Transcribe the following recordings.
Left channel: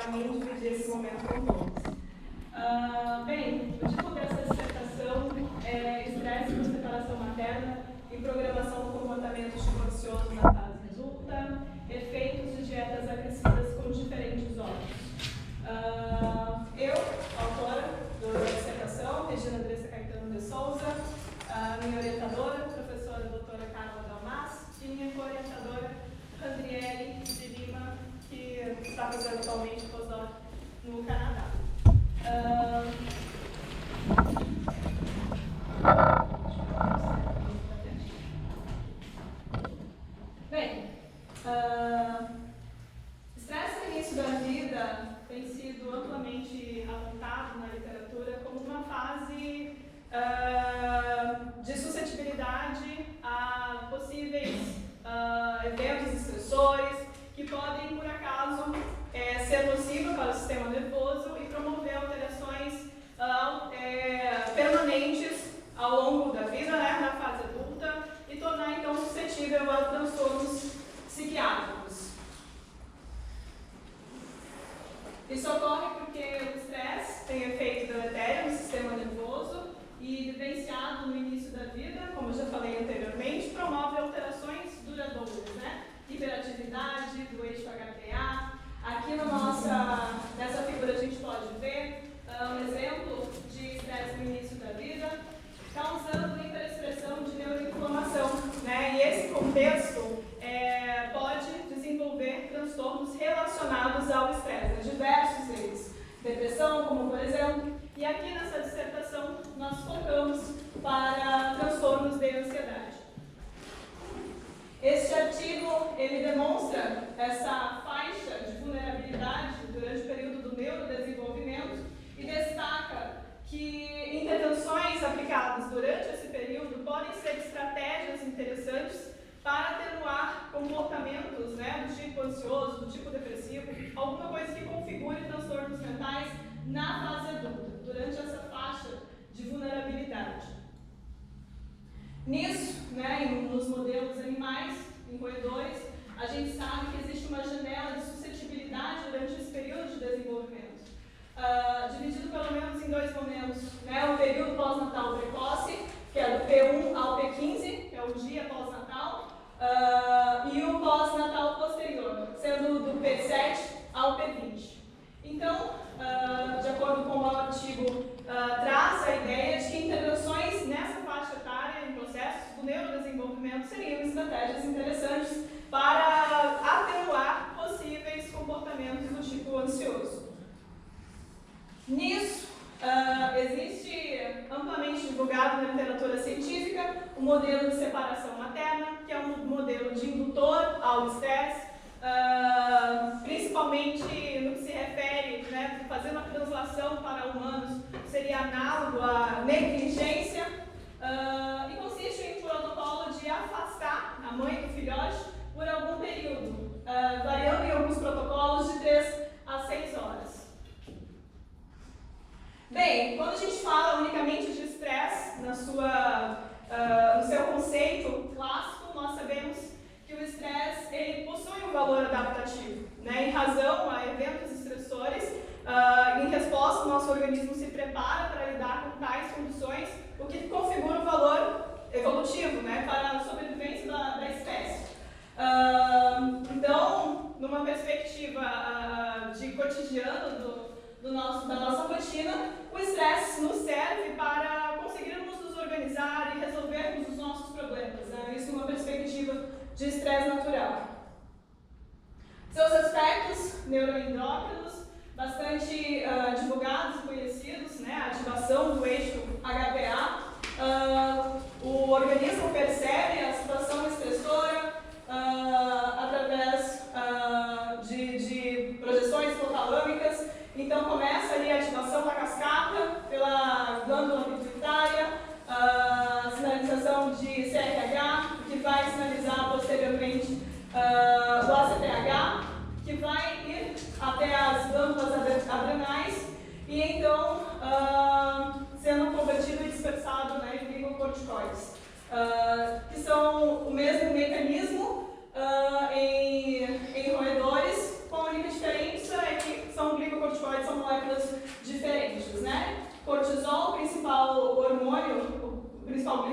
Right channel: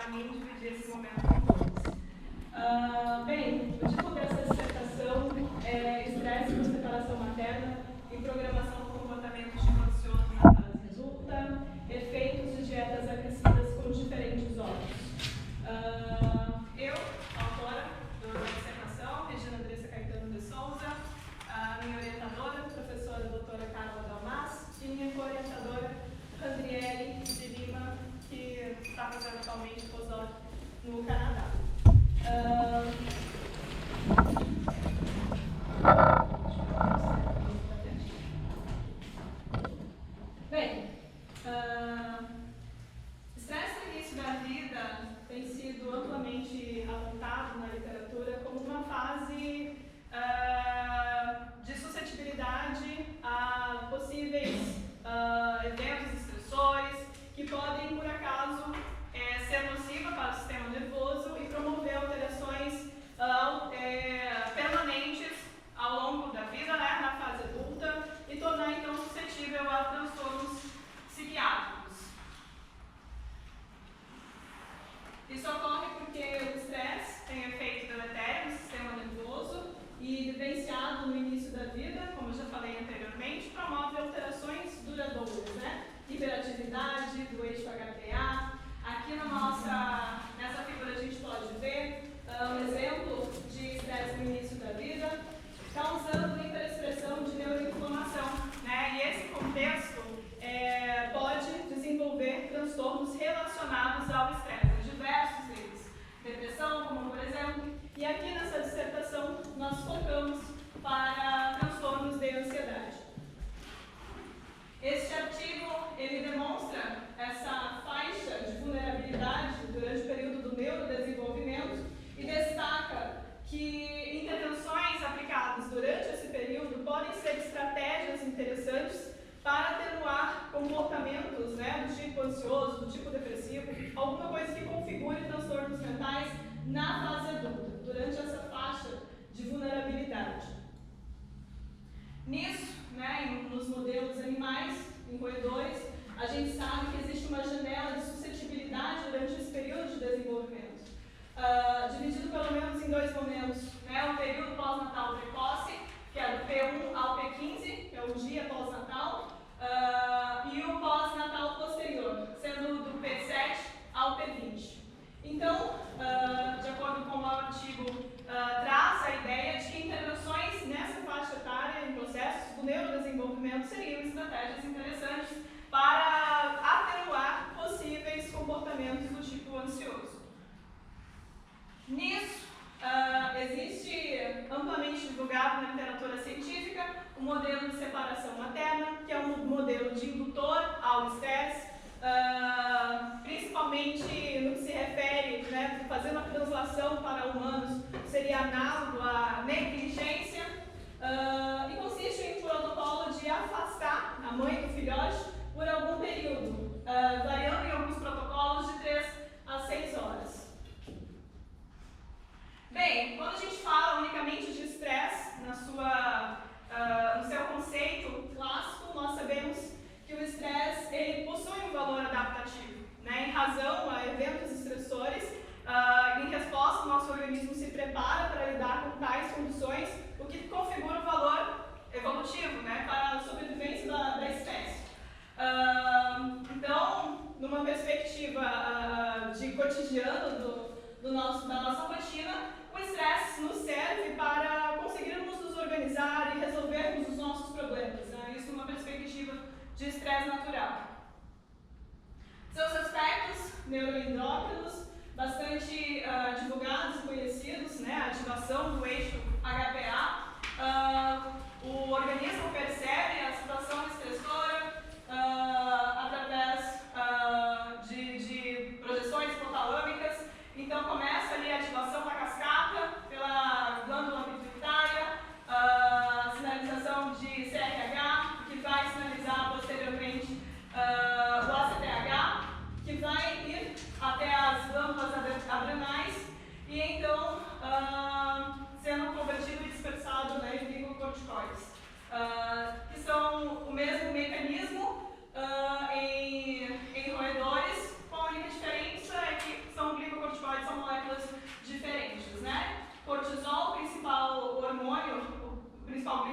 para mim dividir esse momento com todos. Bem, o título dessa dissertação é Estresse por separação materna e programação do comportamento tipo ansioso na fase adulta, efeitos de dietas agressivas com diferentes órgãos. Eu, autora da dissertação, Regina Andressa Caetano de Souza, minha orientadora, professora doutora Carla Dalmas, e minha co-orientadora, Randriele de Lima, que está fazendo atualmente pós-doc no Canadá. Bem, estresse no início da vida tem sido amplamente apontado na literatura como uma fase de suscetibilidade a possíveis eventos estressores que podem, por acaso, ser nocivos para o sistema nervoso e promover alterações permanentes ao longo da vida, né, na fase adulta, e tornar, então, suscetível a transtornos psiquiátricos. Isso ocorre porque o estresse tem efeito deletério no sistema nervoso e, vivenciado no início da vida, como eu já falei anteriormente, promove alterações duradouras, né? Hiperatividade do eixo HPA. Aqui nessa figura a gente pode ver um exemplo de estresse no início da vida, causando hiperexpressão de neuroinflamação, né? E esse contexto pode desenvolver transtornos relacionados ao estresse, diversos deles. Depressão, como por exemplo, e aqui nessa dissertação nós focamos para transtornos de ansiedade. Este artigo, ele demonstra essa faixa de vulnerabilidade durante o período do neurodesenvolvimento e destaca que intervenções aplicadas durante esse período podem ser estratégias interessantes para atenuar comportamentos, né, do tipo ansioso, do tipo depressivo, alguma coisa que configure transtornos mentais na fase adulta, durante essa faixa de vulnerabilidade. Nisso, né, nos modelos animais, em roedores, a gente sabe que existe uma janela de suscetibilidade durante esse período de desenvolvimento, dividido pelo menos em dois momentos, né, o período pós-natal precoce, que é do P1 ao P15, que é o dia pós-natal, e o pós-natal posterior, sendo do P7 ao P20. Então, de acordo com o artigo, traz a ideia de que intervenções nessa faixa etária, em processos do neurodesenvolvimento, seriam estratégias interessantes para atenuar possíveis comportamentos do tipo ansioso. Nisso, existe amplamente divulgado na literatura científica o modelo de separação materna, que é um modelo de indutor ao estresse, principalmente no que se refere, né, fazer uma translação para humanos, seria análogo à negligência, e consiste em um protocolo de afastar a mãe do filhote por algum período, variando em alguns protocolos de 3 a 6 horas. Bem, quando a gente fala unicamente de estresse no seu conceito clássico, nós sabemos que o estresse ele possui um valor adaptativo, né? Em razão a eventos estressores, em resposta, o nosso organismo se prepara para lidar com tais condições, o que configura o valor evolutivo, né, para a sobrevivência da espécie. Então, numa perspectiva de cotidiano da nossa rotina, o estresse nos serve para conseguirmos nos organizar e resolvermos os nossos problemas, né? Isso numa perspectiva de estresse natural. Seus aspectos neuroendócrinos, bastante divulgados e conhecidos, né? A ativação do eixo HPA, o organismo percebe a situação estressora através de projeções hipotalâmicas. Então começa ali a ativação da cascata pela glândula pituitária, sinalização de CRH, que vai sinalizar posteriormente o ACTH, que vai ir até as glândulas adrenais e então sendo convertido e dispersado, né, em glicocorticoides, que são o mesmo mecanismo em roedores, com a única diferença é que são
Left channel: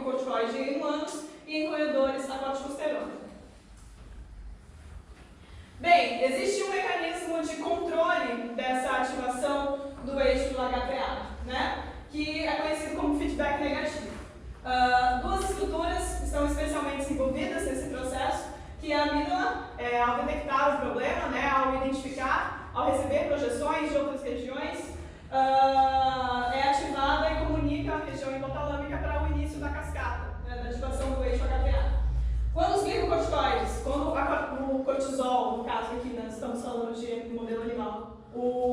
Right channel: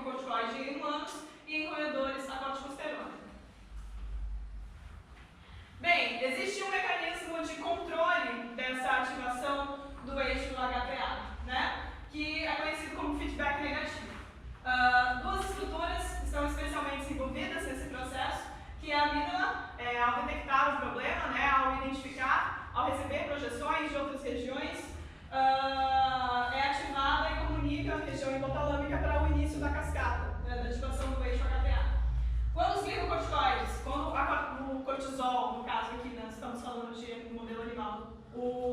glicocorticoide em humanos e em roedores a corticosterona. Bem, existe um mecanismo de controle dessa ativação do eixo do HPA, né? Que é conhecido como feedback negativo. Duas estruturas estão especialmente envolvidas nesse processo, que é a amígdala, ao detectar o problema, né, ao identificar, ao receber projeções de outras regiões, é ativada e comunica a região hipotalâmica para o início da cascata, né, da ativação do eixo HPA. Quando os glicocorticoides, quando o cortisol, no caso aqui nós estamos falando de modelo animal,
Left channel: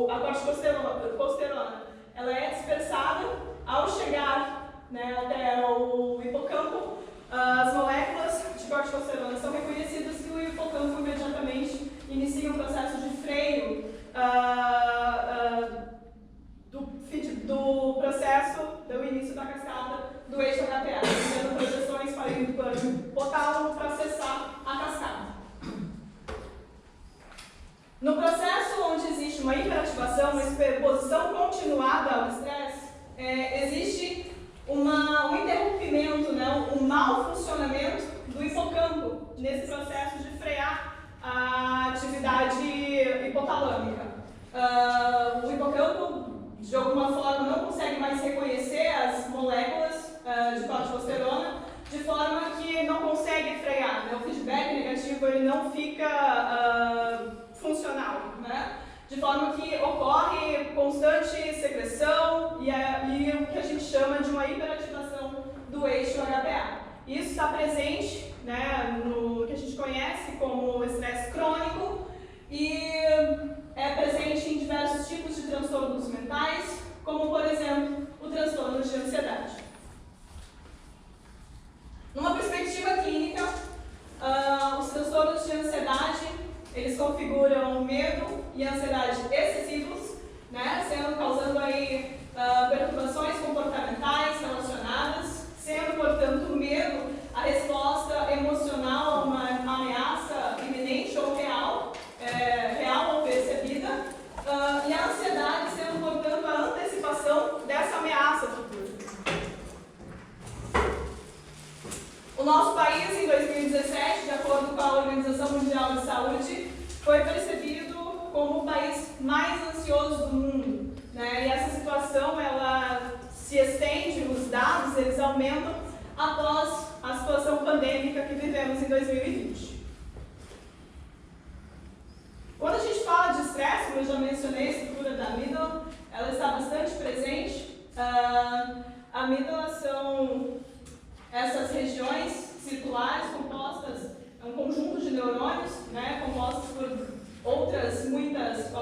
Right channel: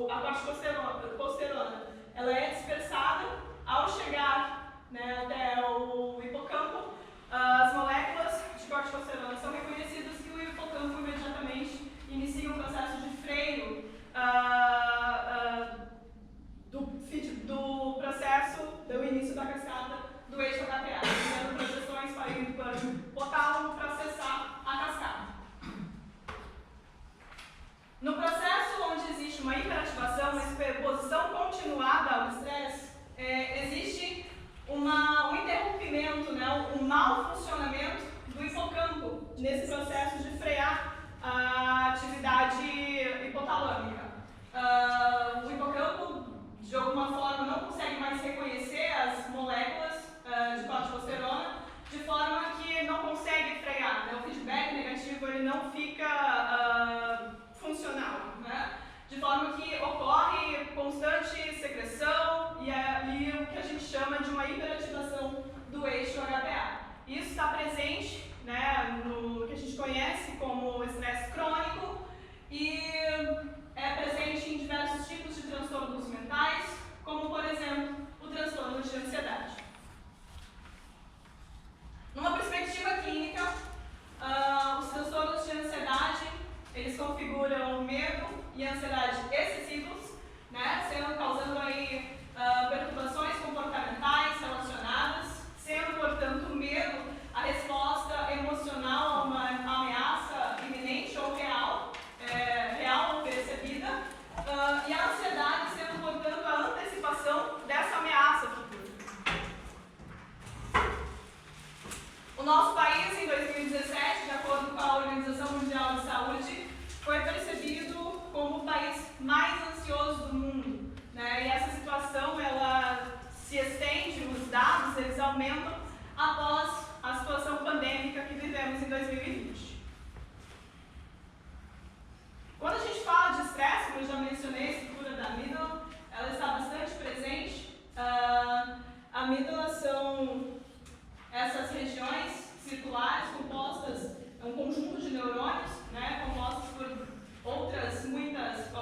a corticosterona, ela é dispersada ao chegar, né, até o hipocampo, as moléculas de corticosterona são reconhecidas e o hipocampo imediatamente inicia um processo de freio do processo do início da cascata do eixo HPA, tendo projeções para o hipotálamo para acessar a cascata. No processo onde existe uma hiperativação, uma exposição continuada ao estresse, existe um interrompimento, né, um mau funcionamento do hipocampo nesse processo de frear a atividade hipotalâmica. O hipocampo, de alguma forma, não consegue mais reconhecer as moléculas de corticosterona, de forma que não consegue frear, né? O feedback negativo ele não fica funcional, né? De forma que ocorre constante secreção e o que a gente chama de uma hiperativação do eixo HPA. Isso está presente, né, no que a gente conhece como estresse crônico e é presente em diversos tipos de transtornos mentais, como, por exemplo, o transtorno de ansiedade. Numa perspectiva clínica, os transtornos de ansiedade, eles configuram medo e ansiedade excessivos, né, causando aí perturbações comportamentais relacionadas, sendo, portanto, o medo a resposta emocional a uma ameaça iminente ou real, real ou percebida, e a ansiedade sendo, portanto, a antecipação dessa ameaça futura. O nosso país, em 2017, de acordo com a Organização Mundial de Saúde, foi percebido como o país mais ansioso do mundo, né? E essa situação, ela se estende, os dados, eles aumentam após a situação pandêmica que vivemos em 2020. Quando a gente fala de estresse, como eu já mencionei, a estrutura da amígdala, ela está bastante presente. A amígdala são essas regiões circulares compostas, é um conjunto de neurônios, né, compostos por outras,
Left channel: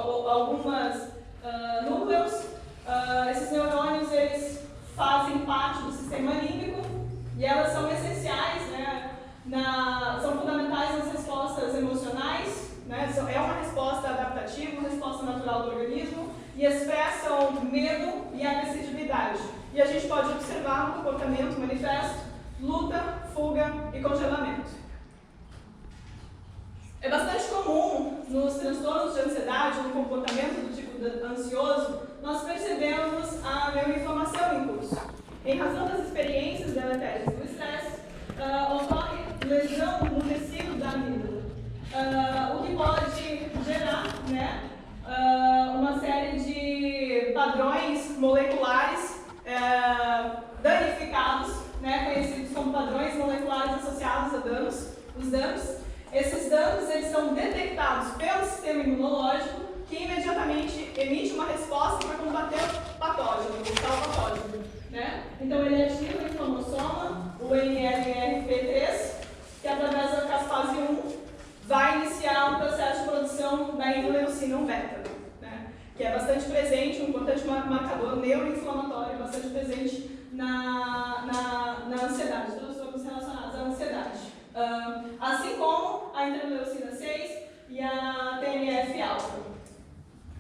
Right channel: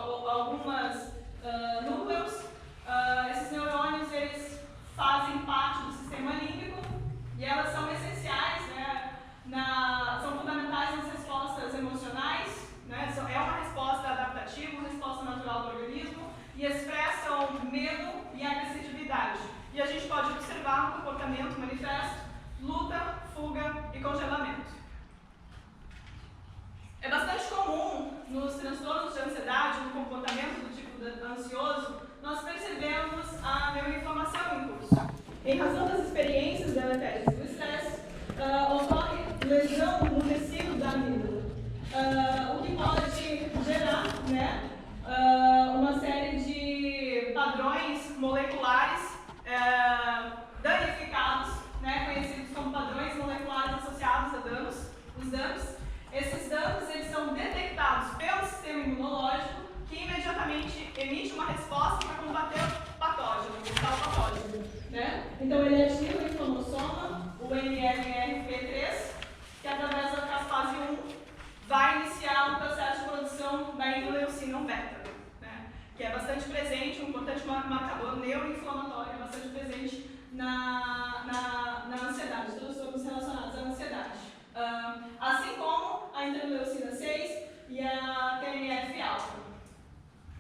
algumas núcleos. Esses neurônios, eles fazem parte do sistema límbico e elas são essenciais, né, são fundamentais nas respostas emocionais, né, é uma resposta adaptativa, uma resposta natural do organismo e expressam medo e agressividade. E a gente pode observar no comportamento manifesto luta, fuga e congelamento. É bastante comum nos transtornos de ansiedade, no comportamento do tipo ansioso, nós percebemos a neuroinflamação em curso. Em razão das experiências deletérias do estresse, ocorre lesão no tecido da amígdala, o que pode gerar, né, uma série de padrões moleculares danificados, né, conhecidos como padrões moleculares associados a danos. Os danos, esses danos, eles são detectados pelo sistema imunológico, que imediatamente emite uma resposta para combater o patógeno, o tal patógeno, né? Então ele ativa o inflamassoma, o NLRP3, que através da caspase 1 vai iniciar um processo de produção da interleucina 1 beta, né? Que é bastante presente, um importante marcador neuroinflamatório, bastante presente na ansiedade, transtornos relacionados à ansiedade. Assim como a interleucina 6 e a TNF-alfa,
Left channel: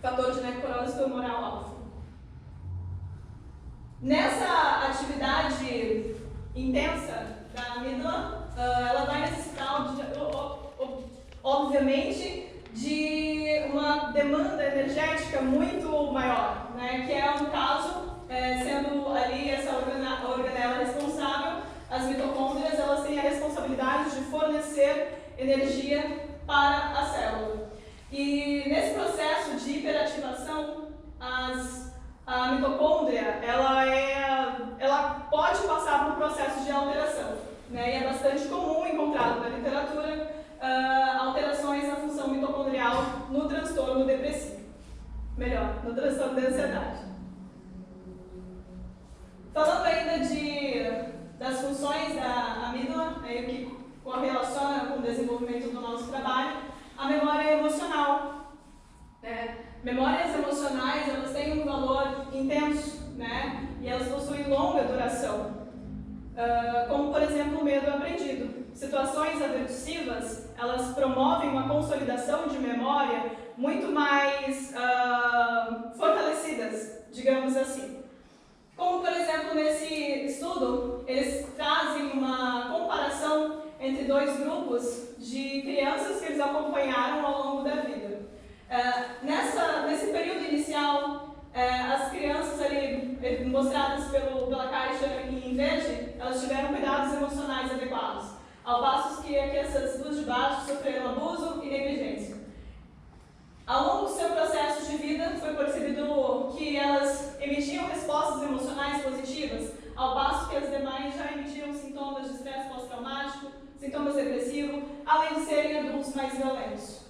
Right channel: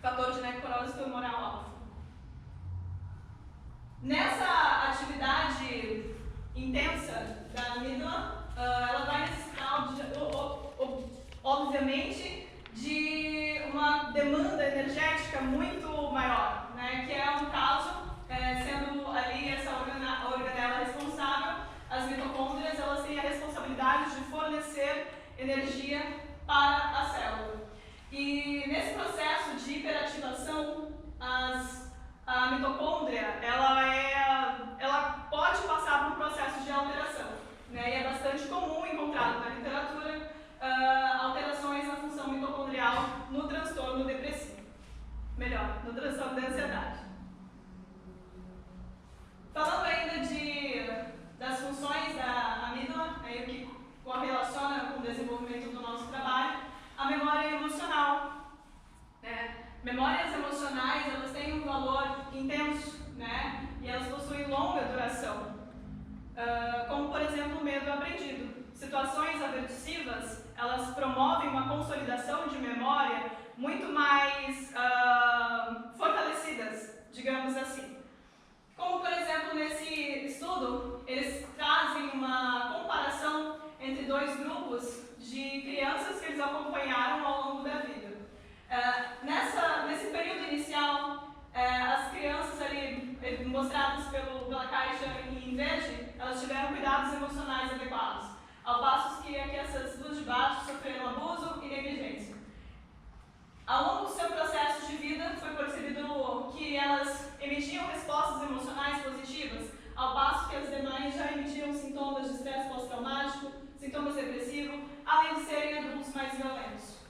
fator de necrose tumoral alfa. Nessa atividade intensa da amígdala, ela vai necessitar, obviamente, de uma demanda energética muito maior, né? Que é um caso, sendo ali essa organela responsável, as energia para a célula. E nesse processo de hiperativação, a mitocôndria ela pode passar por um processo de alteração, né? E é bastante comum encontrado na literatura alterações na função mitocondrial no transtorno depressivo. Melhor, no transtorno da ansiedade. Falando ainda das funções da amígdala, o que correlaciona com o desenvolvimento do nosso trabalho, a memória emocional. Né? Memórias emocionais, elas têm um valor intenso, né? E elas possuem longa duração, como, por exemplo, o medo aprendido. Situações aversivas, elas promovem uma consolidação de memória muito mais fortalecidas, digamos assim. Como, por exemplo, nesse estudo, eles trazem uma comparação entre dois grupos de crianças que eles acompanharam ao longo da vida. Nesse período inicial, as crianças ali, mostradas pela caixa em verde, elas tiveram cuidados emocionais adequados, ao passo que essas duas de baixo sofreram abuso e negligência. Ao longo do seu processo de vida, foi percebido que elas emitiam respostas emocionais positivas, ao passo que as demais já emitiam sintomas de estresse pós-traumático, sintomas depressivos, além de serem adultos mais violentos.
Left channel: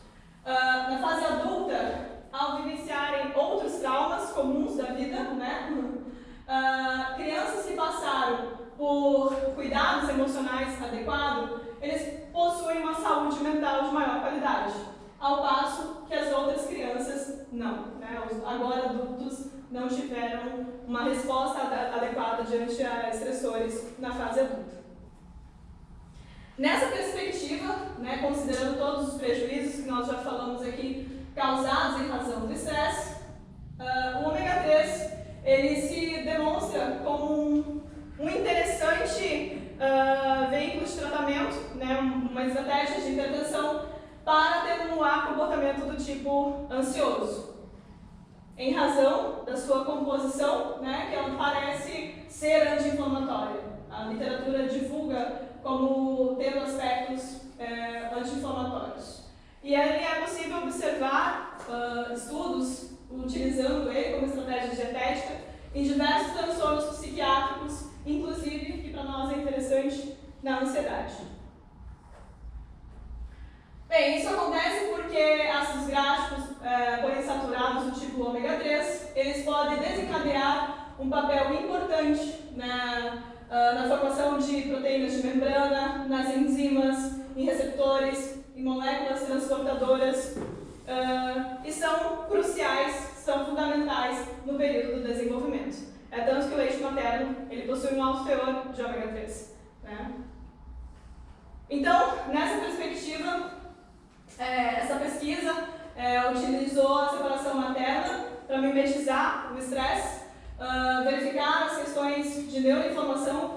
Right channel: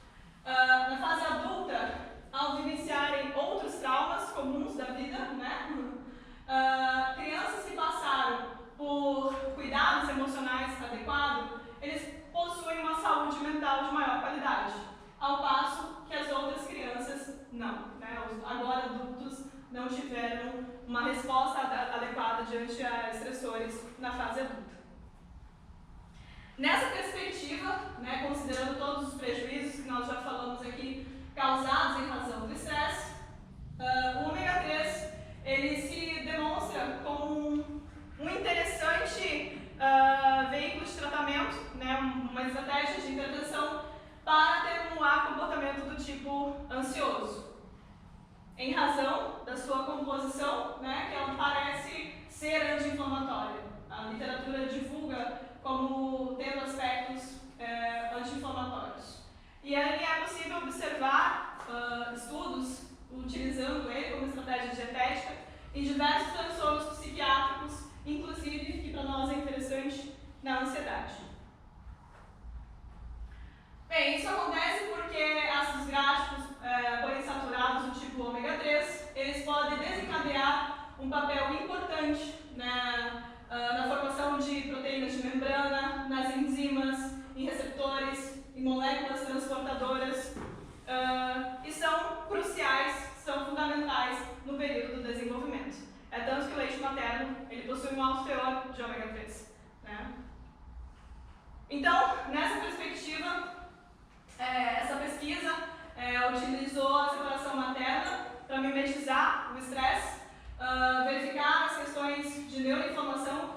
Na fase adulta, ao vivenciarem outros traumas comuns da vida, né? Crianças que passaram por cuidados emocionais adequados, eles possuem uma saúde mental de maior qualidade, ao passo que as outras crianças não, né? Os agora adultos não tiveram uma resposta adequada diante a estressores na fase adulta. Nessa perspectiva, né, considerando todos os prejuízos que nós já falamos aqui, causados em razão do estresse, o ômega 3 ele se demonstra como um interessante veículo de tratamento, né, uma estratégia de intervenção para atenuar comportamento do tipo ansioso, em razão da sua composição, né, que ela parece ser anti-inflamatória. A literatura divulga como tendo aspectos anti-inflamatórios. E ali é possível observar estudos utilizando ele como estratégia dietética em diversos transtornos psiquiátricos, inclusive, que para nós é interessante, na ansiedade. Bem, isso acontece porque ácidos graxos poliinsaturados do tipo ômega 3, eles podem desencadear um papel importante na formação de proteínas de membrana, nas enzimas, em receptores, em moléculas transportadoras, e são cruciais, são fundamentais no período do desenvolvimento. É tanto que o leite materno ele possui um alto teor de ômega 3. Né? Então, nessa perspectiva, essa pesquisa utilizou a separação materna para mimetizar o estresse, verificar as questões de neuroinflamação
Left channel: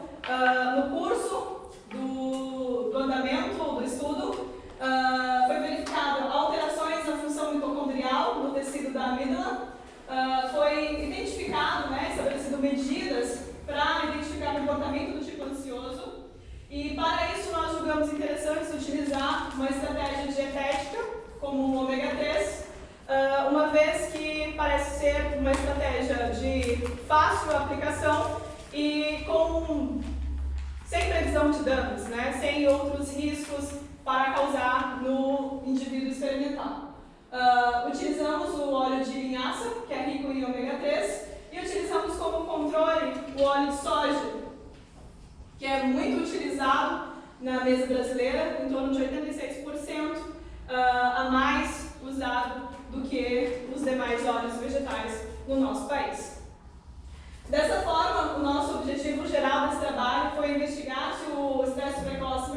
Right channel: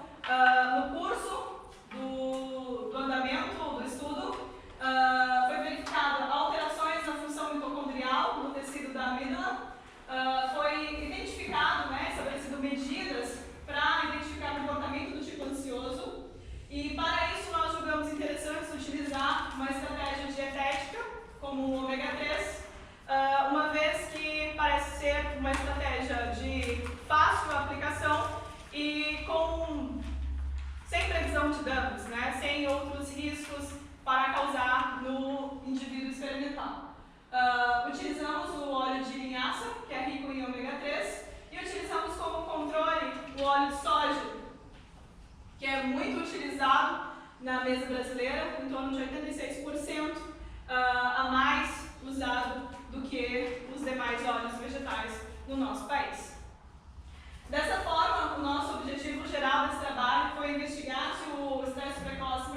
no curso do andamento do estudo. Foi verificado alterações na função mitocondrial no tecido da amígdala. Foi identificado, estabelecido medidas para identificar o comportamento do tipo ansioso. E para isso nós julgamos interessante utilizar uma estratégia dietética como o ômega 3, uma vez que parece ser uma estratégia de fácil aplicação e sem previsão de danos, sem outros riscos para causar no indivíduo experimental. Utilizamos o óleo de linhaça, que é rico em ômega 3, e utilizamos como controle o óleo de soja, que é muito utilizado na mesa brasileira, em torno de 86% a mais usado do que os demais óleos vegetais no nosso país. Dessa forma, o nosso objetivo geral desse trabalho foi investigar se o estresse precoce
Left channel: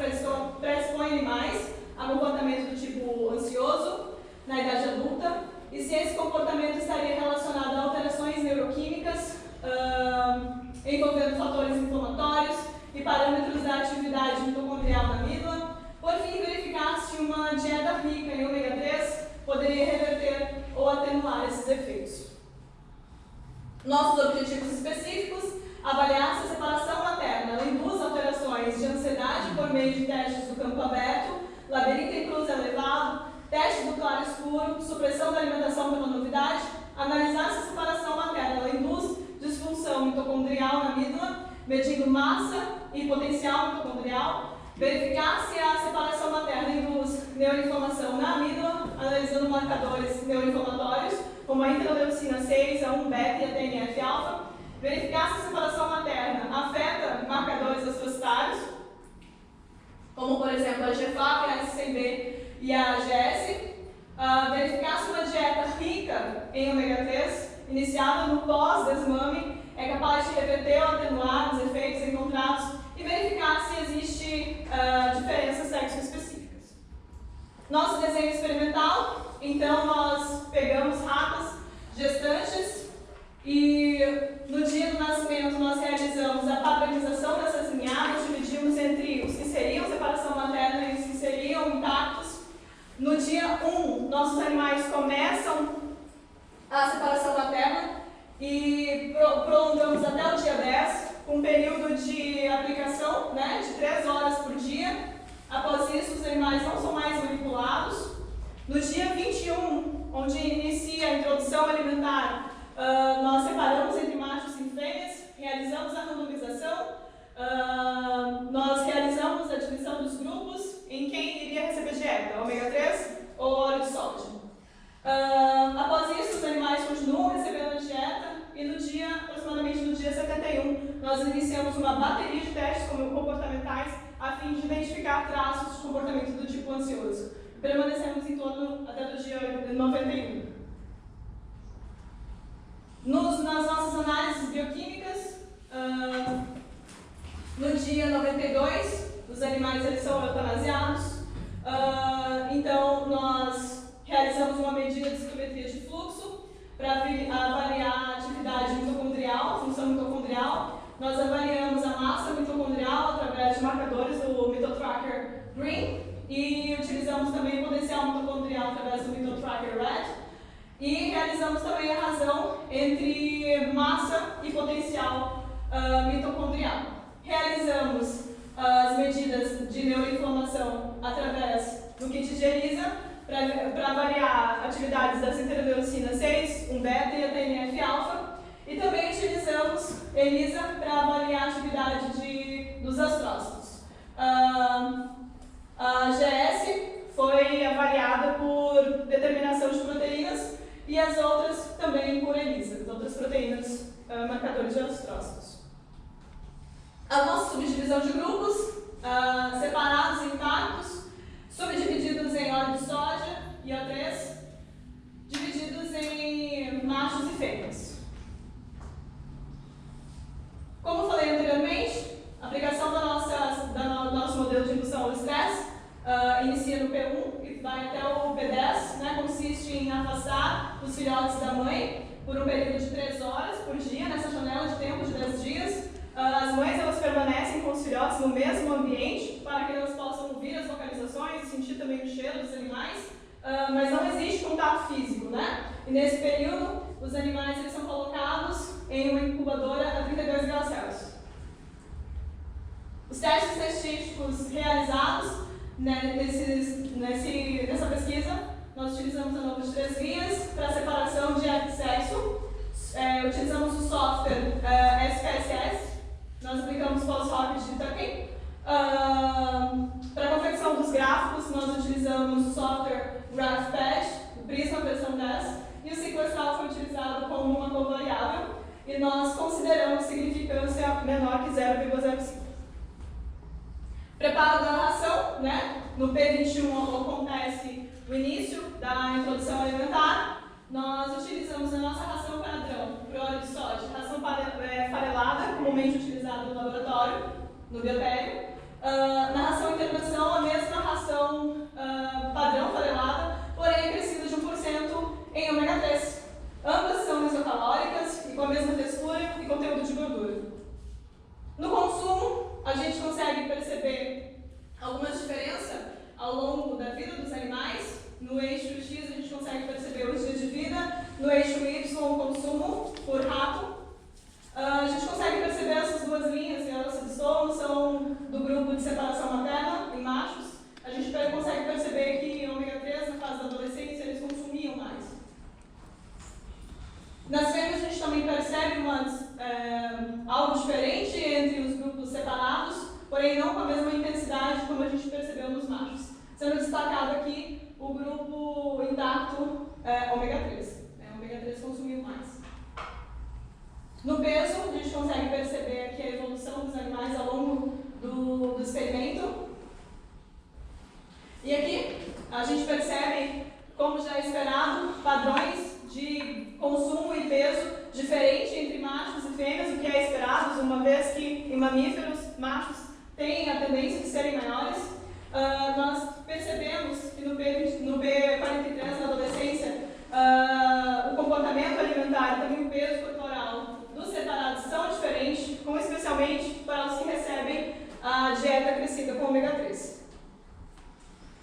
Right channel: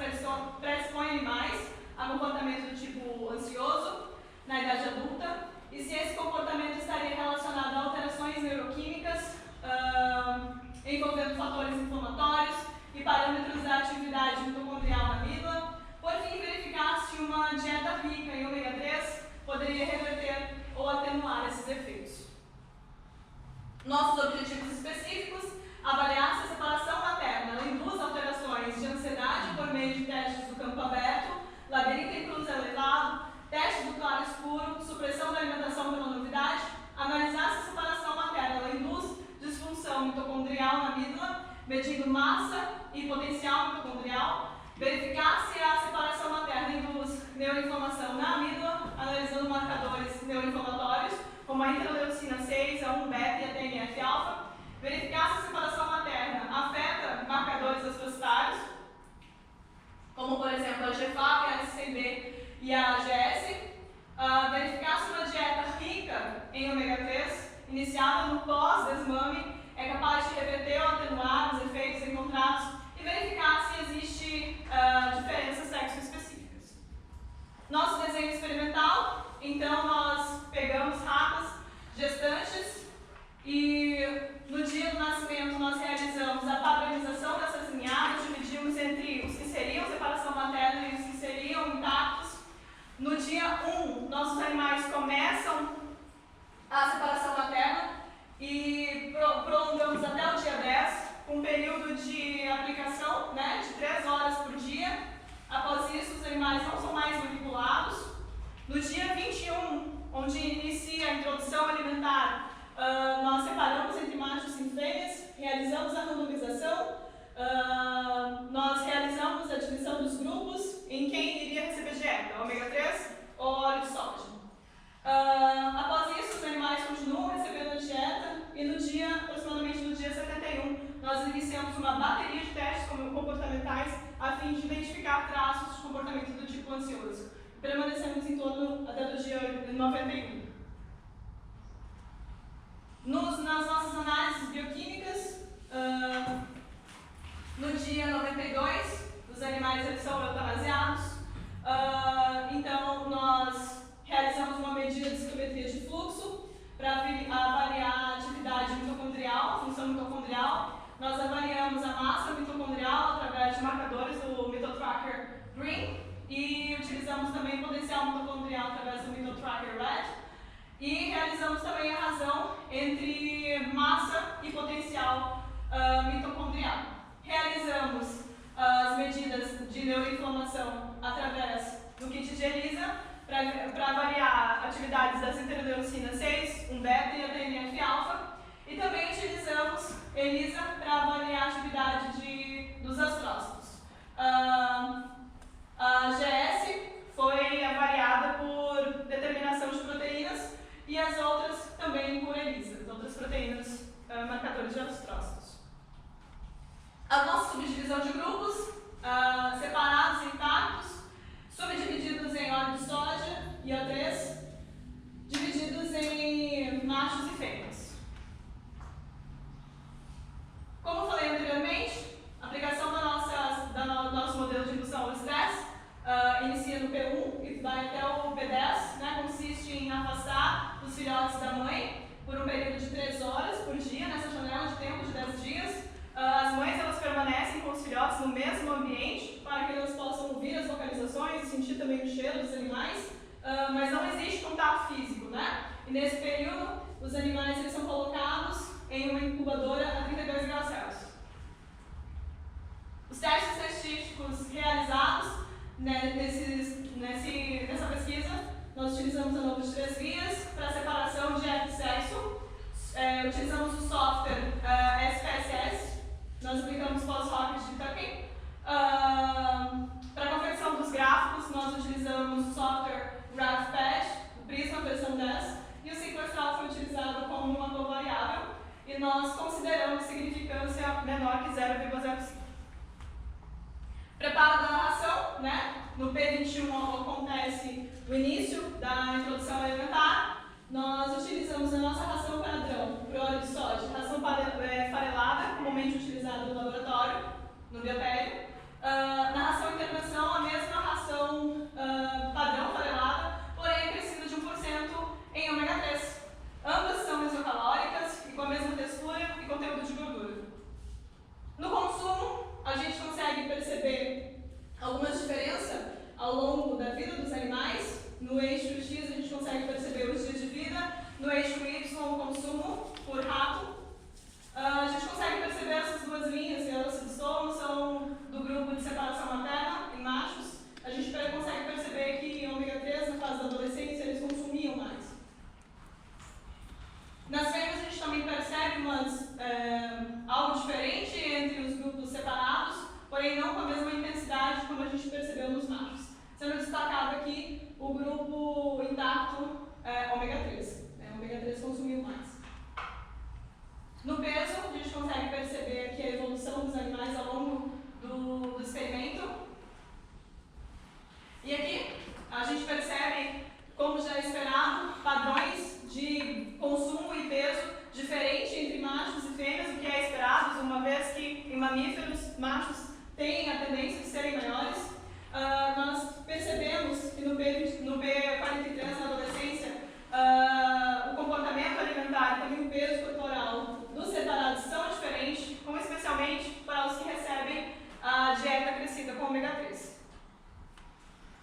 predispõe animais a comportamento do tipo ansioso na idade adulta e se esse comportamento estaria relacionado a alterações neuroquímicas envolvendo fatores inflamatórios e parâmetros da atividade mitocondrial na amígdala. Por fim, verificar se uma dieta rica em ômega 3 poderia reverter ou atenuar esses efeitos. Nossos objetivos específicos: avaliar se a separação materna induz alterações de ansiedade por meio de testes do campo aberto, labirinto imunossupressão da alimentação pela novidade, analisar se a separação materna ela induz disfunção mitocondrial na amígdala, medindo massa e potencial mitocondrial, verificar se a separação materna induz neuroinflamação na amígdala, analisando marcadores neuroinflamatórios, como a interleucina 6, a 1-beta e a TNF-alfa, verificar se a separação materna afeta marcadores astrocytários, como por exemplo a GFAP, a SCB e a AGS, verificar se uma dieta rica em ômega 3, iniciada no pós-desmame, é capaz de reverter ou atenuar os efeitos encontrados e verificar se existe diferenças sexo-específicas. Nosso desenho experimental, então nós pegamos ratas gestantes e no dia do nascimento nós realizamos a padronização dessas ninhadas, dividimos entre os que seriam separação materna e os que seriam intactos. No dia 1, nossos animais começam a separação materna e prolongamos até o dia 10, com um período de aplicação, né, de 3 horas por dia. Após isso, os animais não são mais manipulados. No dia 21, onde inicia a introdução alimentar, nós separamos entre machos e fêmeas, realizamos a randomização, nós realizamos a divisão dos grupos em quem iria receber dieta, ômega 3 ou óleo de soja. Após isso, os animais continuam recebendo a dieta e aproximadamente no dia 71, nós iniciamos uma bateria de testes comportamentais a fim de identificar traços de comportamento do tipo ansioso. Permanecemos em torno até do dia 91. Nas nossas análises bioquímicas, no dia 92, os animais eles são eutanasiados. Então, nós realizamos uma medida de ciclometria de fluxo para avaliar a atividade mitocondrial, a função mitocondrial. Nós avaliamos a massa mitocondrial através de marcadores do MitoTracker Green e utilizamos também o potencial mitocondrial através do MitoTracker Red. E realizamos também a razão entre massa e potencial mitocondrial. Realizamos as medidas de neuroinflamação através do kit de ELISA para avaliar atividades das interleucinas 6, 1-beta e a TNF-alfa. E também utilizamos ELISA para avaliar a atividade dos astrócitos. A GS foi avaliada por determinação de proteínas e as outras também por ELISA, as outras proteínas marcadores de astrócitos. A nossa subdivisão de grupos, separados e intactos, subdivididos em óleo de soja e O3, divididos em machos e fêmeas. Como falei anteriormente, a aplicação do nosso modelo de indução ao estresse inicia no P1 e vai até o P10, né, consiste em afastar os filhotes da mãe por um período de 3 horas por dia, nessa janela de tempo de 10 dias. As mães elas permanecem com os filhotes no mesmo ambiente para que elas possam ouvir as vocalizações e sentir também o cheiro dos animais, mas não existe contato físico, né? E nesse período, os animais eles são colocados em uma incubadora a 32 graus Celsius. Os testes testísticos realizados nessa pesquisa, nós utilizamos a NOVA de 3 vias para separação de sexo, utilizamos o software SPSS, nós aplicamos pós-hoc de tucking. Para a confecção dos gráficos, nós utilizamos o software GraphPad, o Prisma versão 10, e o sequestral foi utilizado como uma covariável, e nós consideramos significância menor que 0,05. Preparo da ração, né? No P21 acontece o início da introdução alimentar. Nós utilizamos a nossa ração padrão para óleo de soja, ração farelada, comumente utilizada no laboratório, no biotério. Na ração intervenção, a mesma ração padrão farelada, porém acrescida de 1% em ômega 3. Ambas são mesocalóricas e com a mesma textura e conteúdo de gordura. No consumo, a gente consegue perceber algumas diferenças ao longo da vida dos animais. No eixo X a gente consegue perceber os dias de vida, no eixo Y o consumo por rato. A gente consegue perceber essas duas linhas, elas se dissolvam, são do grupo de separação materna, em machos. A gente consegue perceber que ômega 3 na fase da adolescência eles consumiam mais. porém não com a mesma intensidade como a gente percebeu nos machos. Sendo destacado aqui o grupo intacto ômega 3. Ômega 3 consumiu mais. No peso, a gente consegue perceber aqui a evolução dos animais ao longo do experimento. E aqui a gente percebe, como já é esperado, padrões de consumo e peso diferente entre machos e fêmeas, o que é esperado, uma vez que em mamíferos, machos têm a tendência de serem maiores. Nós percebemos que no P43, na adolescência, o comportamento alimentar e também o peso corporal dos separados são diferentes, como especialmente para os que recebem a dieta crescida com ômega 3.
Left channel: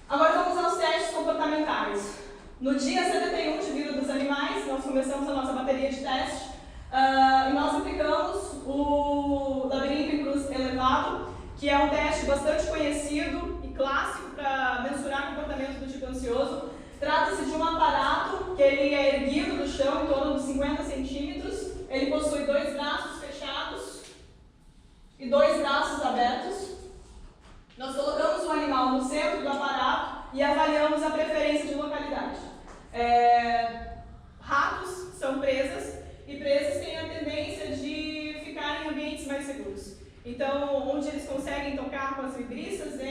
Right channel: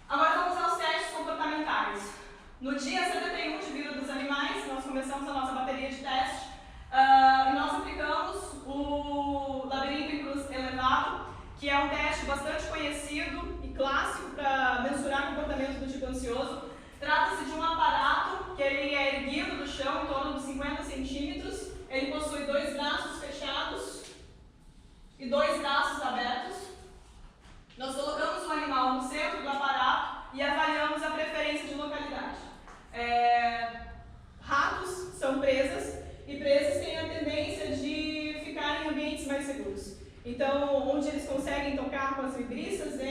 Agora vamos aos testes comportamentais. No dia 71 de vida dos animais, nós começamos a nossa bateria de testes e nós aplicamos o labirinto em cruz elevado, que é um teste bastante conhecido e clássico para mensurar o comportamento do tipo ansioso. Trata-se de um aparato que ele é erguido do chão em torno de 50 centímetros. Ele possui 2 braços fechados e 2 braços abertos. Nós colocamos o animal no centro do aparato e avaliamos a preferência de localidade. Ratos são presas e presas têm a tendência de ficar em ambientes mais seguros. Então, onde eles conseguem tocar com as vibristas,